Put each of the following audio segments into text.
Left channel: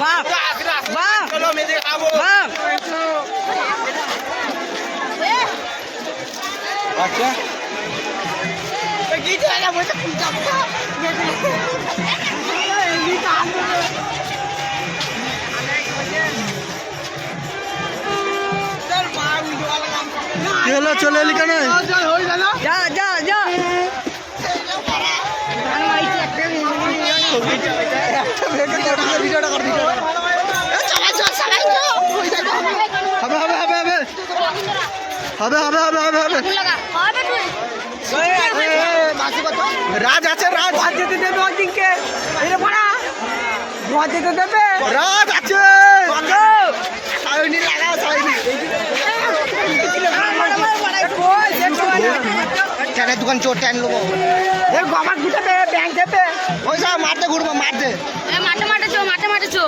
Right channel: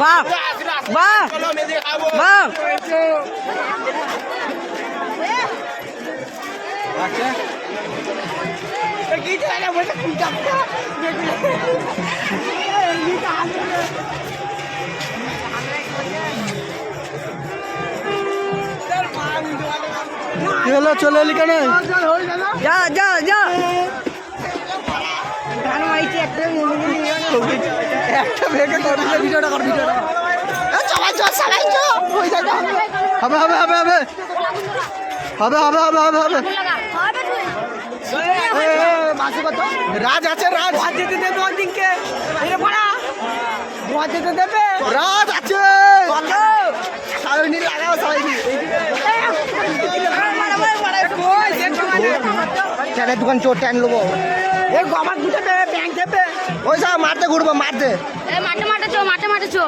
বাহ বাহ বাহ আচ্ছা কি হলো চলে এলি কেন যা যা যা হবে হবে হবে হবে হবে হবে হবে হবে হবে রাজ আছে রাজ যেতে দেবে অদিনকে যেতে দেবে রাজ আছে ট্যানের দোকান চোর ট্যান নেবো আমার দুটো ব্যাংক দেবে ওই সব মারতে ঘুরবো মারতে মাঠে মাঠে চো মাঠে মাঠে চো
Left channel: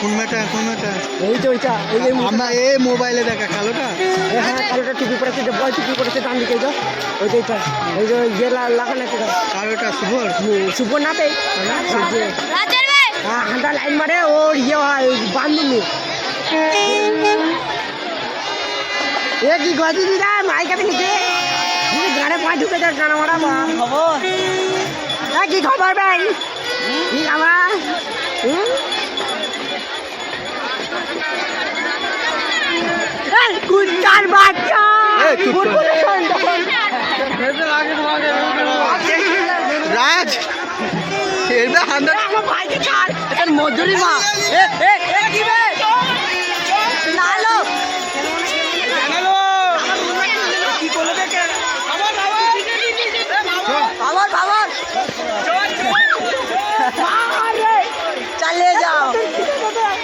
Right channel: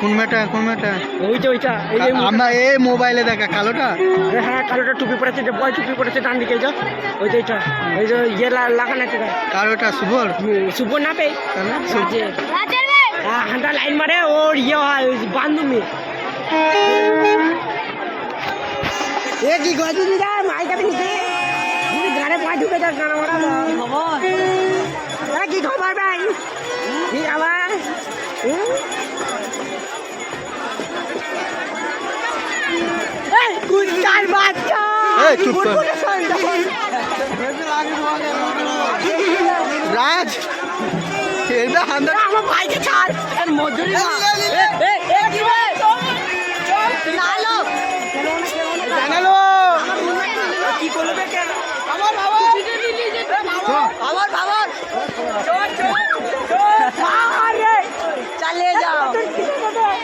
কোন মেটা ওইটা ওইটা আমরা এই মোবাইলে দেখা কালোটা হ্যাঁ কালোটা টুপি পড়েছে যে বয় টুপি পড়েছে ডান দিকে যা ওইটা ওইটা ওই যে ইয়ে লাগানো একটা কালোটা শুভর শুভ না পেয়ে হাঁটা লাইন মারে ওর ইয়ে হয় ওই বান্ধবী এ কি গজি দিদা মাইক আপনি নিচে তুমি গাড়ে পাঁচ ঢুকে যাক গানা মারা কি খবর ভাই কি আমরা কুস্কার বাচ্চা রাজ এরবে হান্দা আমার ভাইকে ছাড় মজুরি না কি করলো দেখে আমার বাবা চালিয়ে যাও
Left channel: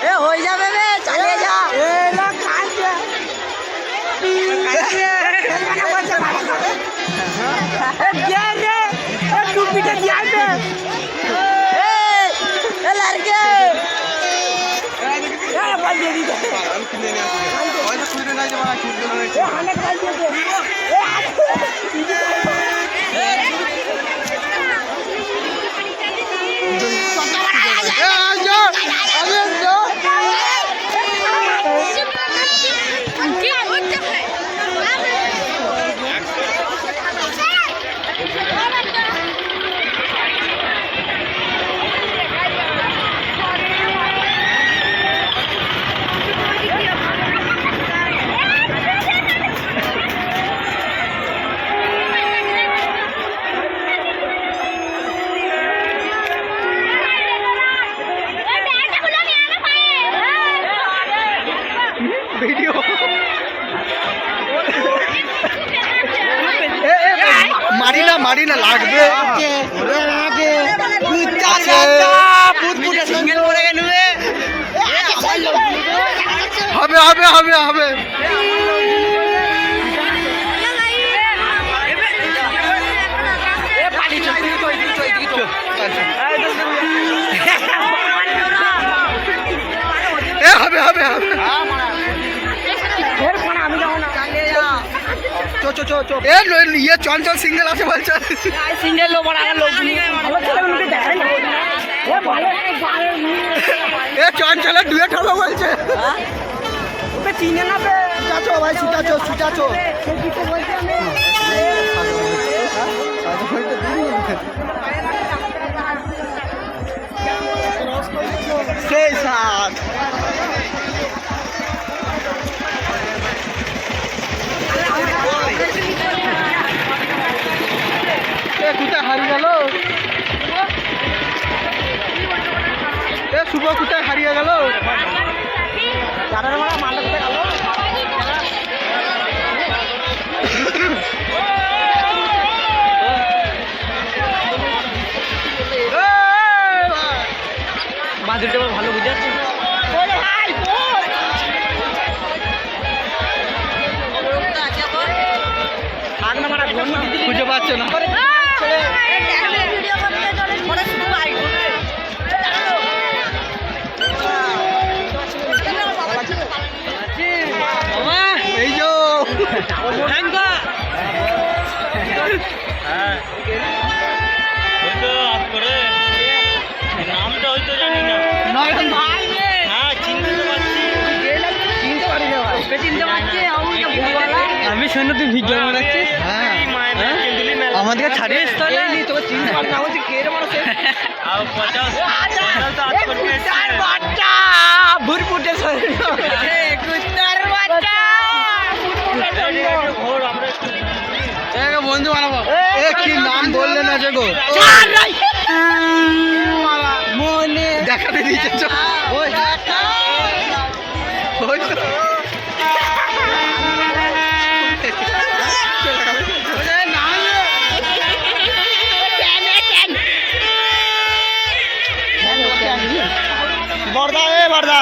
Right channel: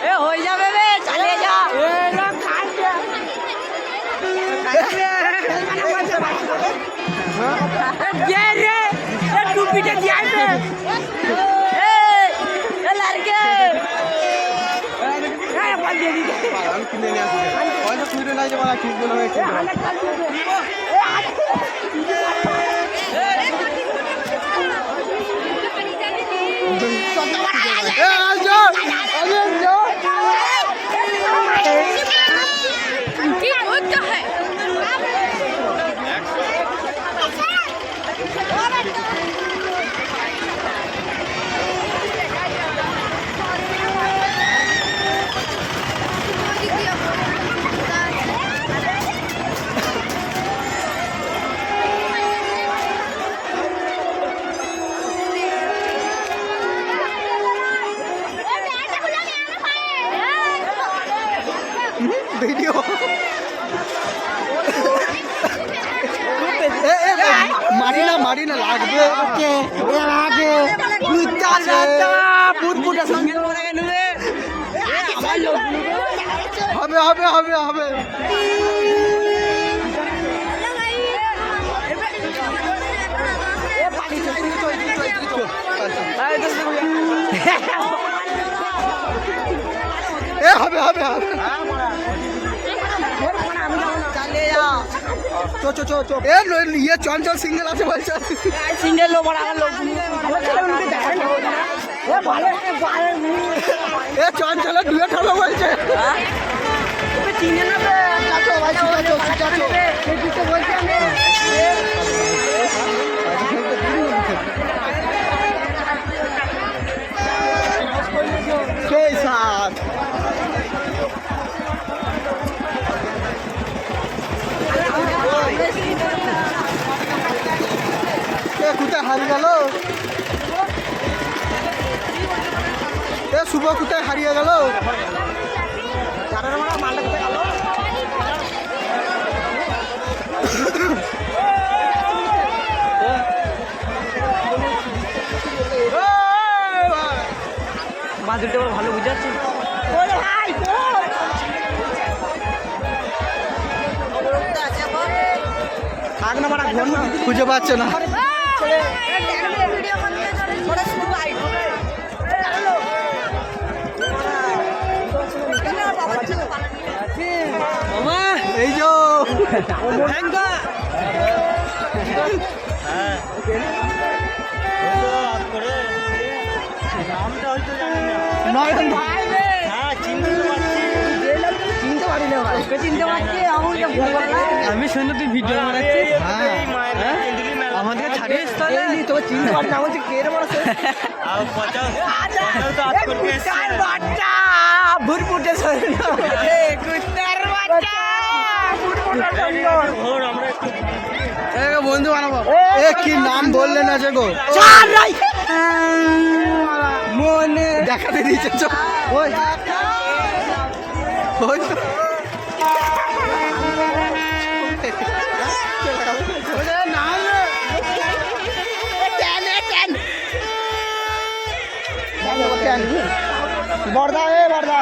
এ হয়ে যাবে রে চালিয়ে যাও টুপিটা কি আসবে ভিডিও মারি না লাগবে হবে হবে হবে হবে হবে হবে হবে ইয়ে চঞ্চল সিঙ্গেল আছে বলছে সিঙ্গেল লোক লোক এ চঞ্চলের ডুয়েট হবে বলছে চিনে না সেই সাত কোথায় হারিয়ে গেল শুভ কোথায় হারিয়ে গেল মালটা কোথায় গেল খুঁজে পাচ্ছ না। এই যো নামটা হয়তো জানি না। হ্যাঁ চিনতে পারছি। আমি শুনে তুই ভিডিও বানাচ্ছিস। হ্যাঁ আমাদেরকে ছাড়িস তাহলে তোকে চিনি আর 50 বন্ধু বানাবো। এ কি নাম বললে না যে গো মনে দেখাতে দিয়েছে চল। ওই তো বর্দা এ বর্দা